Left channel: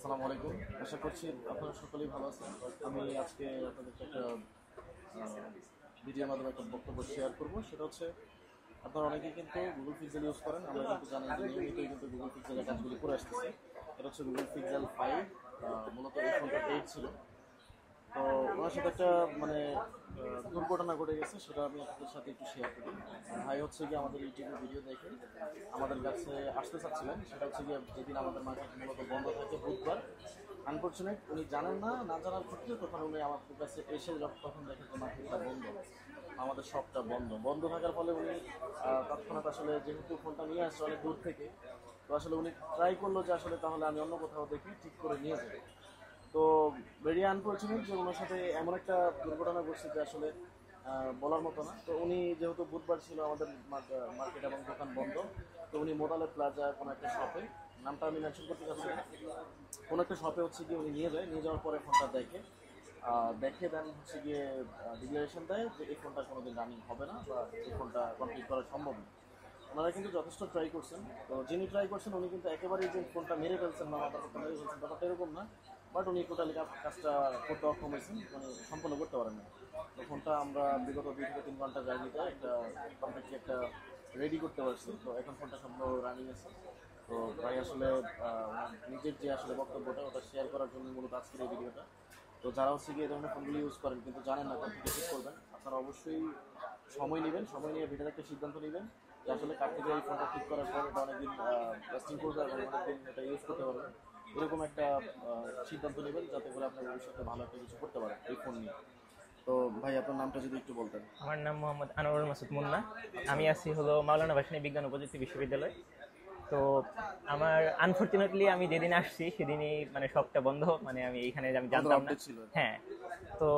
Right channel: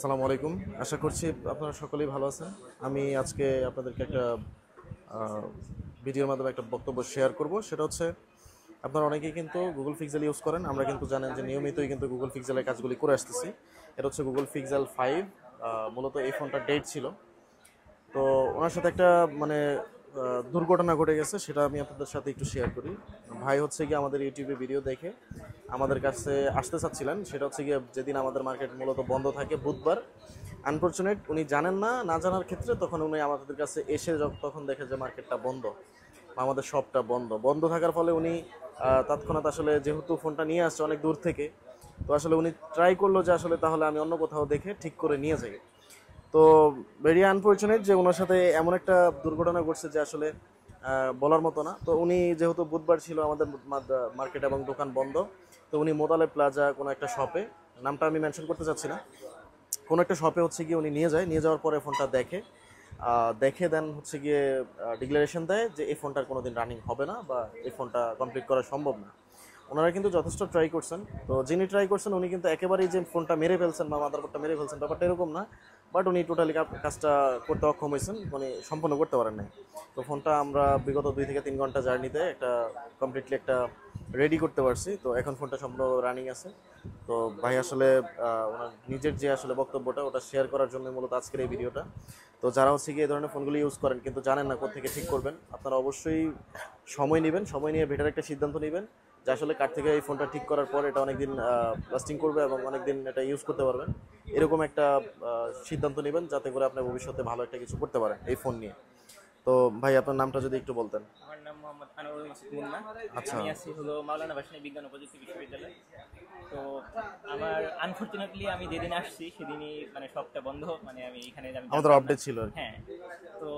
আসসালামু আলাইকুম। আশা করছি আপনারা সকলেই ভালো আছেন। আমি আজকে আপনাদেরকে একটা ভিডিওর মাধ্যমে একটা বক্তব্য শেয়ার করব। সেটা হচ্ছে আপনারা অনেকেই কিন্তু গুগল পিক্সেল ইউজ করেন। আমরা কিন্তু জানেন যে নিয়মিতই কিন্তু গুগল পিক্সেলের কাজগুলি করে আসতেছি। এটা হচ্ছে গুগল পিক্সেল 5। মূলত এই ফোনটা ডেট ছিল। তো ওনার সাথে একটা মানে দুর্ঘটনা ঘটে গেছে, সেটা আমি আপনাদের সাথে একটু শেয়ার করি। ভাই হচ্ছে গিয়ে আমাদের ইউটিউবে ভিডিও দেখে আমাদের কাছে আসতে চাচ্ছিলেন। সেটা হচ্ছে গিয়ে যেদিন আমাদের মার্কেট মূলত বন্ধ থাকে বুধবার। আনফর্চুনেট উনি জানেন না, না জানার ক্ষেত্রে তখন উনি আমাদের কাছে এসে তখন দেখে যে মার্কেটটা বন্ধ, আমাদের শপটা বন্ধ বন্ধ থাকার ফলে উনি তৎক্ষণাৎ আসলে যেহেতু ফোনটা নিয়ে আসছে অনেক দূর থেকে, তো আসলে উনি ট্রাই করলো যে আসলে তাহলে আমি অন্য কোথাও দেখে ঠিক করে নিয়ে যাই। তো ভেরি আনফর্চুনেট যে ওনার সাথে এমন একটা দুর্ঘটনা ঘটছে যে আসলে বলার মতো না। তো উনি যেহেতু বুধবার ছিল আমাদের মার্কেট এবং দোকান বন্ধ, তো উনি মোতালে প্লাজা কোনো একটা শপে, নামটা আমি মেনশন করতে চাচ্ছি না, কোনো একটা শপে হচ্ছে গিয়ে উনি নিয়ে যাওয়ার পরে ফোনটা দেখে দেন হচ্ছে গিয়ে ডিক্লারেশন দেয় যে এই ফোনটার কোনো দিন রানিং হবে না বা এই ফোনটা কমপ্লিট করা সম্ভব না। ওনারা কিন্তু যথেষ্ট ট্রাই করছেন। তো যিনি ট্রাই করছেন উনি কিন্তু একেবারেই যে ফোনটা মেরে ফেলছেন বা মাদারবোর্ডটা মেরে ফেলছেন ব্যাপারটা এরকম না, বাট উনি টোটালি কাজটা করতে অক্ষম হয়েছেন, মানে সম্পূর্ণ করতে পারেন নাই। তো ফোনটা আমরা বিগত 2 থেকে 3 ঘন্টা জার্নিতে একটা কমপ্লিটলি একটা রেডি করতে পারছি। তো এখন ফোনটা সম্পূর্ণ রানিং আছে। তো ভাই আসলে ওনার নিজের যে আসলে বক্তব্যটা ওটা শেয়ার করার জন্য মূলত আজকের এই ভিডিওটা। তো যারা হচ্ছে গিয়ে এই ধরনের ফোনগুলো ইউজ করেন কিন্তু জানেন না কোথা থেকে ঠিক করবেন, আপনারা অবশ্যই সময় নেবেন, সময় নিয়ে বেটার একটা সিদ্ধান্ত নেবেন যে আসলে কার থেকে এই ফোনটা ঠিক করার পর এটা অনেকদিন লাস্টিং করবে এবং অনেকদিন এটা ইউজ করতে পারবেন। এরকম একটা সিদ্ধান্ত নেবেন যাতে করে আপনি ভবিষ্যতে ভালো একটা কিছু করতে পারেন এই ফোন নিয়ে। তো ভাই আপনার নামটা যদি একটু বলতেন। আমার নাম মোহাম্মদ আনোয়ার মাসুদ মুন্না। আচ্ছা। আমি আছি হলো মাওলানা ভাসানী বিজ্ঞান ও প্রযুক্তি বিশ্ববিদ্যালয়। তো আমার আনফরচুনেটলি আমি যেদিন আসছি সেদিনই মানে শপটা বন্ধ, মানে আমি এইখানে আমি আমাদের জানতাম না। আপডেট ছিল আর কি। হ্যাঁ, তো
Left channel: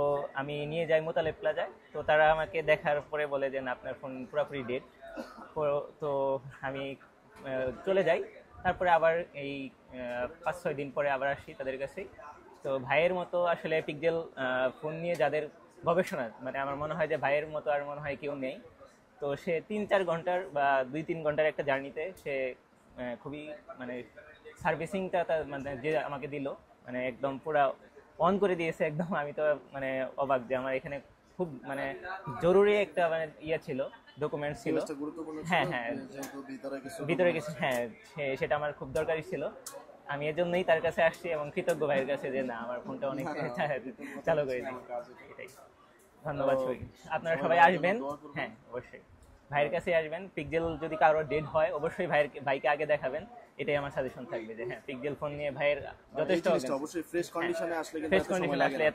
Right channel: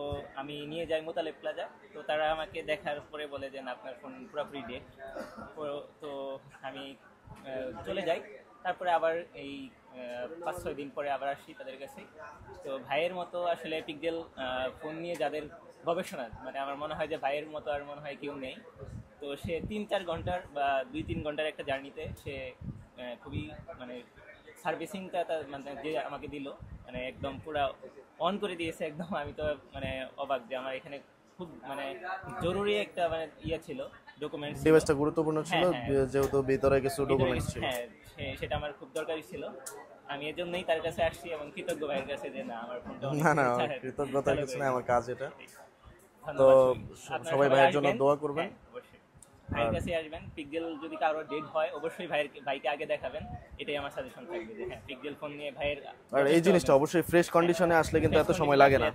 আমি নিয়ে যাই মোতালেব প্লাজায়। তো তারা আমাকে দেখার পরে বলে যে না, আপনার ফোন পুরোপুরি ডেড। তো আমি চলে যাই। তারপরে আবার এই 5-6 দিন পরে আবার আসি তাদের কাছে। তো ভাইয়ের মতো আসলে পিক্সেল ফোন নিয়ে যাদের গবেষণা, মানে আমার মনে হয় যে ভাইয়ের মতো আর মনে হয় কেউ নেই। তো সে 3-4 ঘন্টার বা 2-3 ঘন্টার একটা জার্নিতে সে খুবই মানে সার্ভিসিংটা তার মানে যে আমাকে দিল, মানে একদম পুরা অন করে দিয়েছে একদম। আমি তো মানে অবাক যে আমার এখানে খুব মানে জরুরি একটা মানে ইয়ে ছিল, ডকুমেন্টস ছিল। ডিভাইসটা গুরুত্বপূর্ণ ছিল, হ্যাঁ, হ্যাঁ, যেহেতু ভিতরে কিছু ভিতরে ডকুমেন্টস কিছু, ছিল। হ্যাঁ, সেটা আমার খুব দরকারি ছিল। আমি এর জন্যই তার কাছে আসছি এবং কৃতজ্ঞ ভাইয়ের কাছে যে না, আমার ফোনটা অনেক না না, কৃতজ্ঞতার কিছু নেই, আমার কাজ এটা। তো ধন্যবাদ সবাইকে। আপনারা সবাই সবাই ভাইয়ের জন্য আসবেন। দোয়া করবেন। হ্যাঁ, অবশ্যই ভাইয়ের কাছে আসবেন। পিক্সেল যদি কারো ডেড হয় অবশ্যই ভাইকে আগে দেখাবেন। এটাই আমার সাজেশন থাকবে যে হ্যাঁ, পিক্সেল ফোন নিয়ে ভাইয়ের আর এই জিনিসটা অবশ্যই ফ্রেশ কন্ডিশনে আসলে কিন্তু এত সময় লাগে না,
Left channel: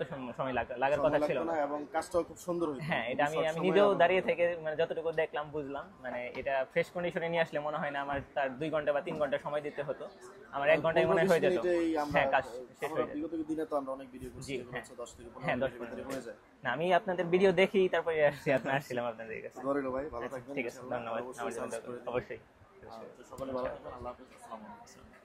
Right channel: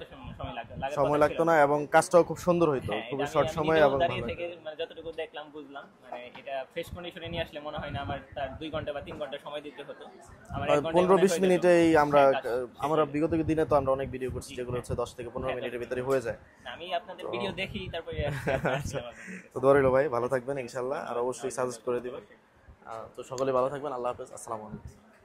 লাগার সময় কথা ছিল লাগতো না। না এবং কাজটাও খুব সুন্দর হইতো, হ্যাঁ, খুব এটা শর্ট আমি সময়। নিজেও আবার দাঁড়িয়ে ভালো। থেকে মানে যতটুকু দেখলাম বুঝলাম, মানে এটা ফ্রেশ কন্ডিশনে নিয়ে আসলে মনে হয় না আমার তার 2 ঘন্টা বা 3 ঘন্টা সময় দিতে হতো। আমার 1 ঘন্টায় মনে 15-20 হয়ে যেত। মিনিটেই আমরা হ্যাঁ, কাজ শেষ আমরা হয়ে যেত। বিগত দিনে তো আমরা অনেক ভিডিও করছি জি, যেগুলো হ্যাঁ। হচ্ছে 10 থেকে 15 হ্যাঁ, মিনিটের 10 ভিতরে হয়ে যায়। না, আমি আপনাদের ভিডিও দেখি তারপরে আসছিলাম আপনাদের কাছে। তো দোয়া রইলো ভাই, ভালো থাকবেন ঠিক আছে, ইনশাআল্লাহ, আর ধন্যবাদ। অবশ্যই সাজেস্ট করে দিবেন। অবশ্যই। তো সকলে ভালো থাকবেন। আল্লাহ হাফেজ, আসসালামু আলাইকুম।